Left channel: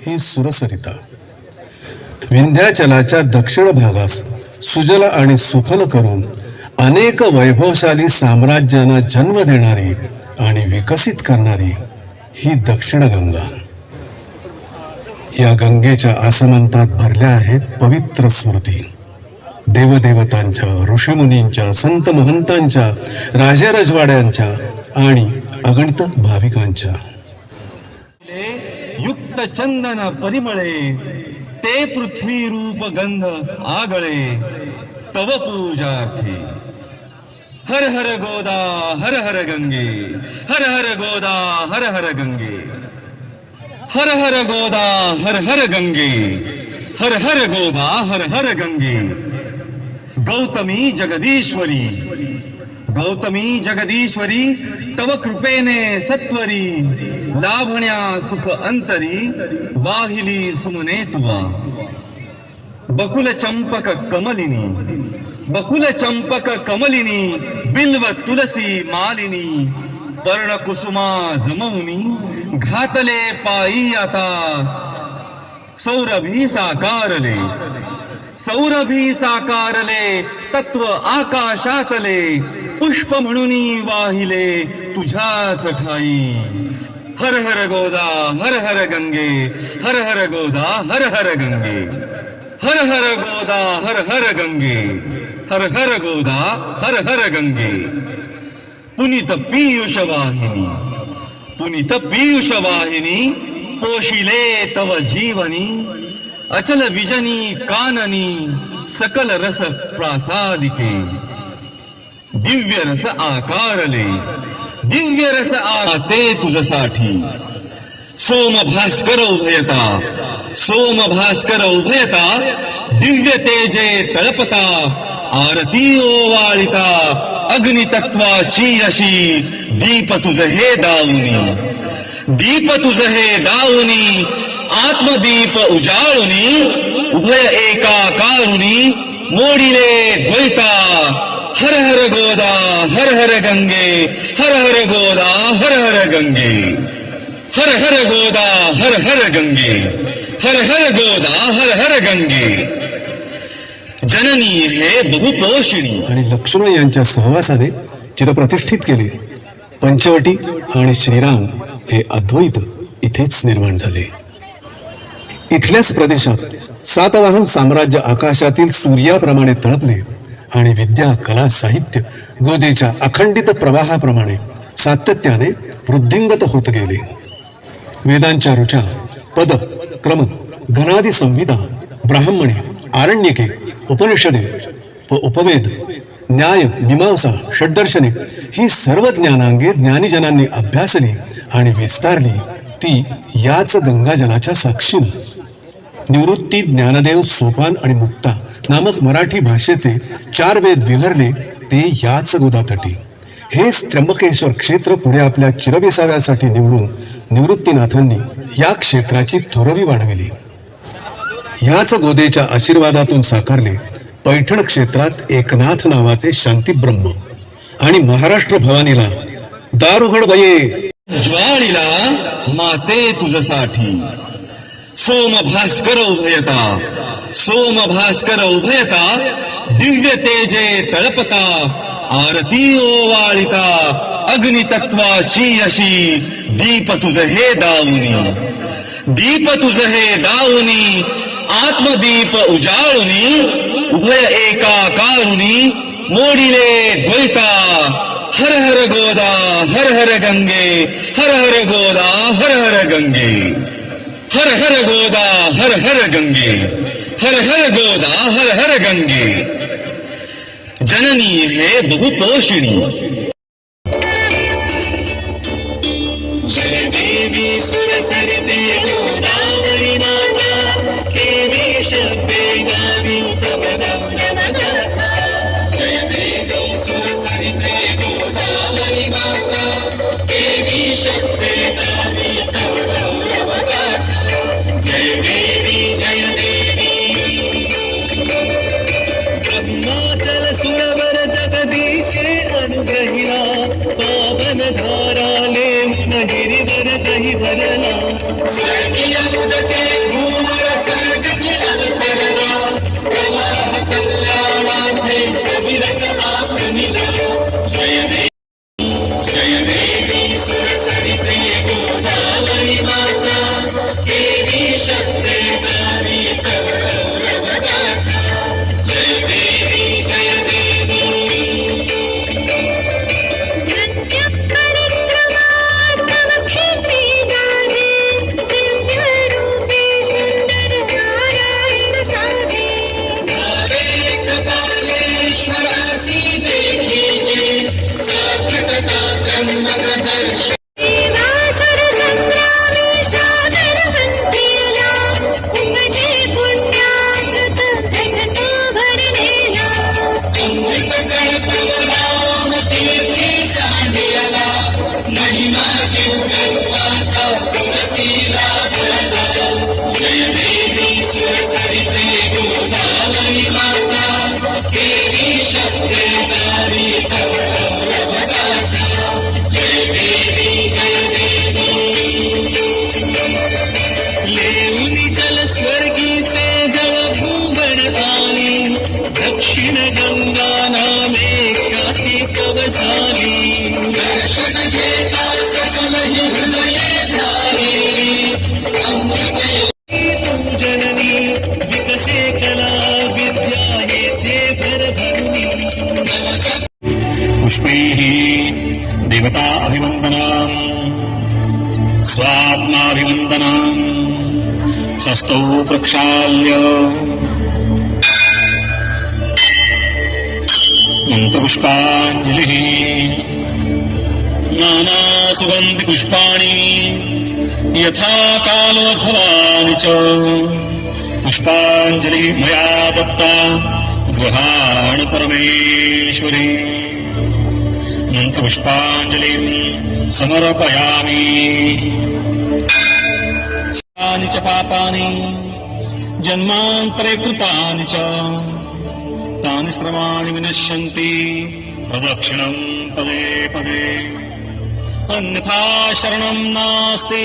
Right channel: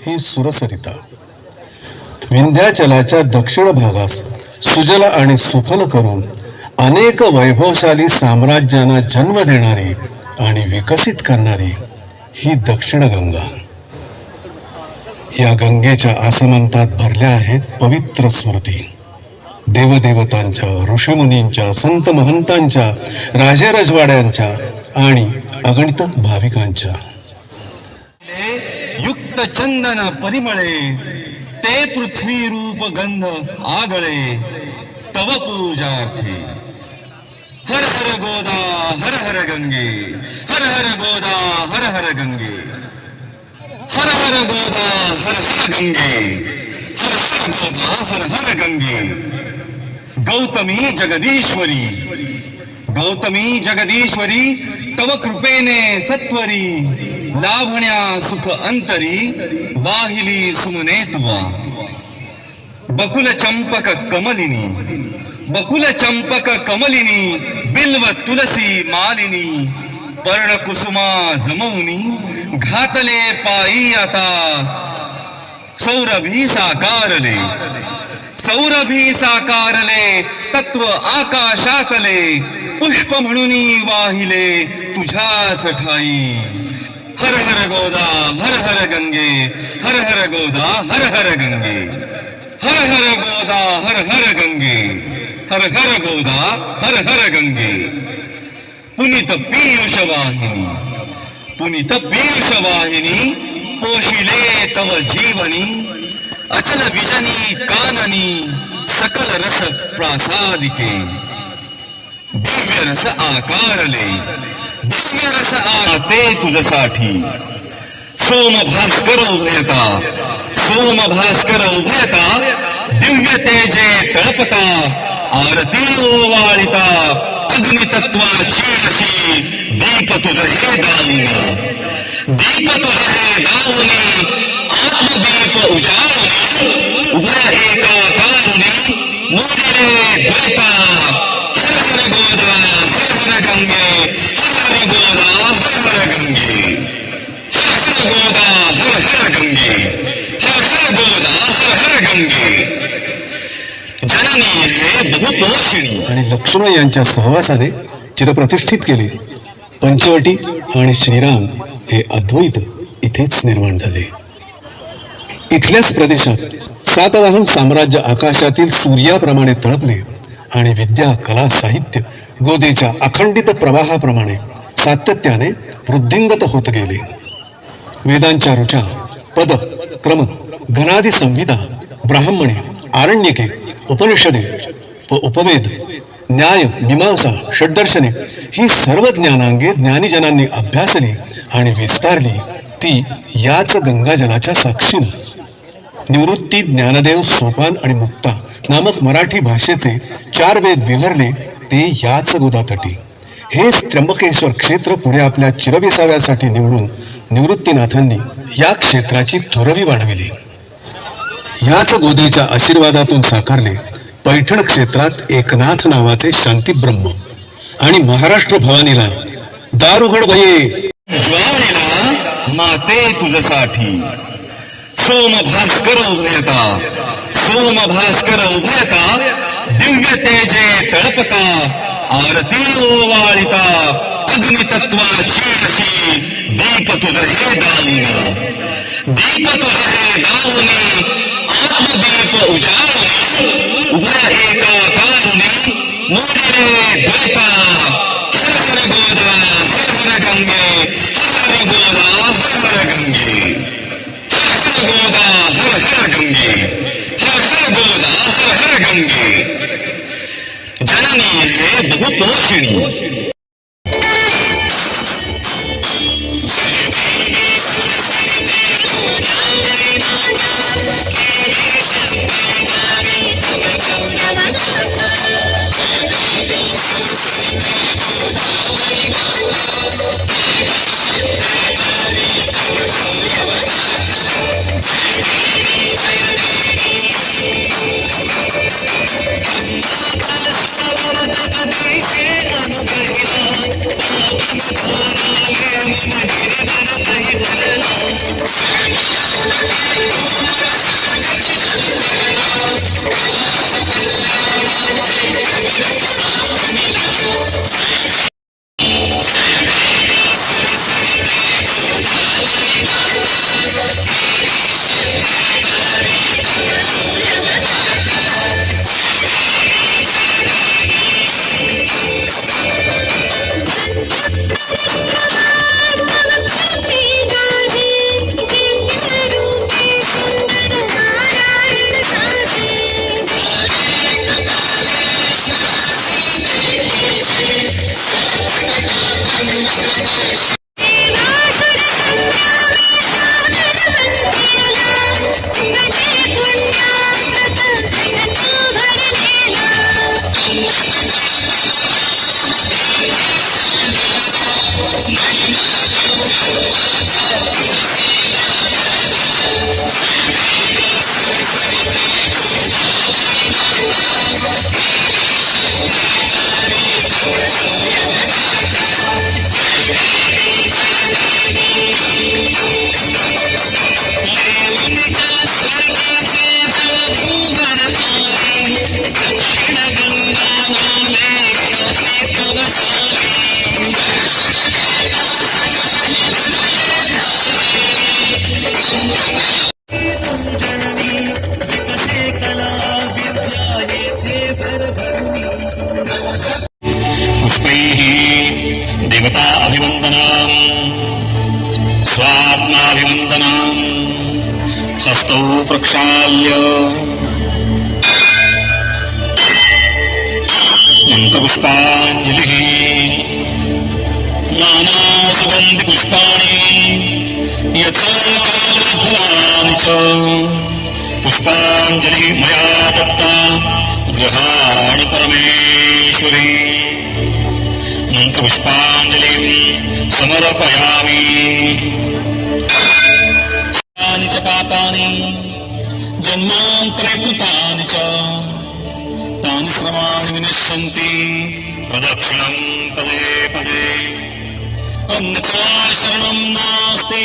ही सुरसरिता विंध्याचलाच्या दक्षिण भागास सुजल आणि सुफल करून अनेक वैभवशाली साम्राज्यांना जन्म देणारी आणि विकसित करणारी ही दक्षिण गंगा. या गंगेच्या आसमंतात भरल्या आहेत पवित्र स्मृती, देवदेवतांच्या, ऋषीमुनींच्या, संत महंतांच्या, राजेरजवाड्यांच्या आणि अगणित भाविकांच्या. युक्त चंदन परिमळे ते पृथ्वी रूप गंध आगळे तव पूजार्थी. हर हर गोदा हर हर गंगे, हर हर गोदा हर हर गंगे, हर हर गोदा हर हर गंगे, हर हर गोदा हर हर गंगे. गौतमी जगदीश्वरी, गौतमी जगदीश्वरी तव कृपेने सत्वरी लाभण्या सुख अंतरी वाहिली सुमने तुवा. बकुल चंपक कमलिनी, बकुल चंपक कमलिनी बिल्व तुलसी मालिनी पर्ण कुसुमा जमवनी घातले पायी आता. सौरभी साकारले, सौरभी साकारले तत्व आकाशातले पुष्प म्हणूनी वाहिले तुझ्याच ठाई. हर हर गोदा हर हर गंगे, हर हर गोदा हर हर गंगे, हर हर गोदा हर हर गंगे, हर हर गोदा हर हर गंगे. पुनीत पीयूष वाहिनी, पुनीत पीयूष वाहिनी पोशिले तव जीवनी. अचल विजनी काननी सकल रस प्रासादिके. दिव्य रस आकारले, दिव्य रस आते तुझसाठी. सोम भास्कर उभयता, सोम भास्कर उभयता दिव्य तेजे तळपता. आरती ओवाळिता अग्नितत्वाची अशी दीप तुझ हे दावुनी, दीप तुझ हे दावुनी आत्मदीप उजाळुनी उभय एकाकारुनी मोडिले द्वैता. हर हर गोदा हर हर गंगे, हर हर गोदा हर हर गंगे, हर हर गोदा हर हर गंगे, हर हर गोदा हर हर गंगे. जननी हे बहुपोषिणी आणि लक्ष्मण यांच्या सहवासाने चिरप्रतिष्ठित केली. पंचवटी आणि श्रीराम हे अद्वैत इथेच निर्माण झाले. इथल्याच प्रदेशात सातवाहन साम्राज्य आकाशातील सूर्याप्रमाणे तळपले आणि विद्या, कला, साहित्य गोदेच्या अखंडित प्रवाहाप्रमाणे सातत्याने वृद्धिंगत होत गेले. वेदांच्या ऋचा, पद, क्रम, गणादी संहिता, ब्राह्मणे, आरण्यके, उपनिषदे व उपवेद, न्याय, मीमांसा, षड्दर्शने ही सर्व ज्ञानांगे ज्ञानीजनांनी अभ्यासली आणि विस्तारली ती याच गंगाजलाच्या साक्षीनं. निवृत्ती, ज्ञानदेव, सोपान आणि मुक्ता नामक मराठी भाषेचे 4 वेद विहरले ते याच गोदातटी. हेच त्र्यंबकेश्वर क्षेत्र पुढे आपल्या चिरविसाव्यासाठी निवडून निवृत्तीनाथांनी या क्षेत्राची थोरवी वाढविली. याच गोदेच्या आशीर्वादातून साकारले पैठण क्षेत्रात एकनाथ नावाचे शांतीब्रह्म आणि महाराष्ट्र भवानीला दारुघड बये ज्वारीला माते तुझसाठी. सोम भास्कर उभयता, सोम भास्कर उभयता, दिव्य तेजे तळपता, आरती ओवाळिता, अग्नितत्वाची अशी दीप तुझ हे दावुनी, दीप तुझ हे दावुनी, आत्मदीप उजाळुनी, उभय एकाकारुनी, मोडिले द्वैता, हर हर गोदा हर हर गंगे, हर हर गोदा हर हर गंगे, हर हर गोदा हर हर गंगे, हर हर गोदा हर हर गंगे, जननी है बहुपोषिणी। पुष्पैः देवता अभिवन्दनाम् स्वात्माभिवन्दनाम् हस्तौ प्रक्षाल्य मन्त्रपुष्पाञ्जलिः नानासुगन्धिपुष्पाणि यथा कालोद्भवानि च पुष्पाञ्जलि मया दत्ता गृहाणि परमेश्वरी मन्त्रपुष्पाञ्जलिं समर्पयामि च पापानि जन्मान्तरे कृतानि च तानि श्रमाणि विनश्यन्ति प्रदक्षिणं पदे पदे अन्यथा शरणं नास्ति।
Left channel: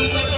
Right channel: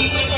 ॐ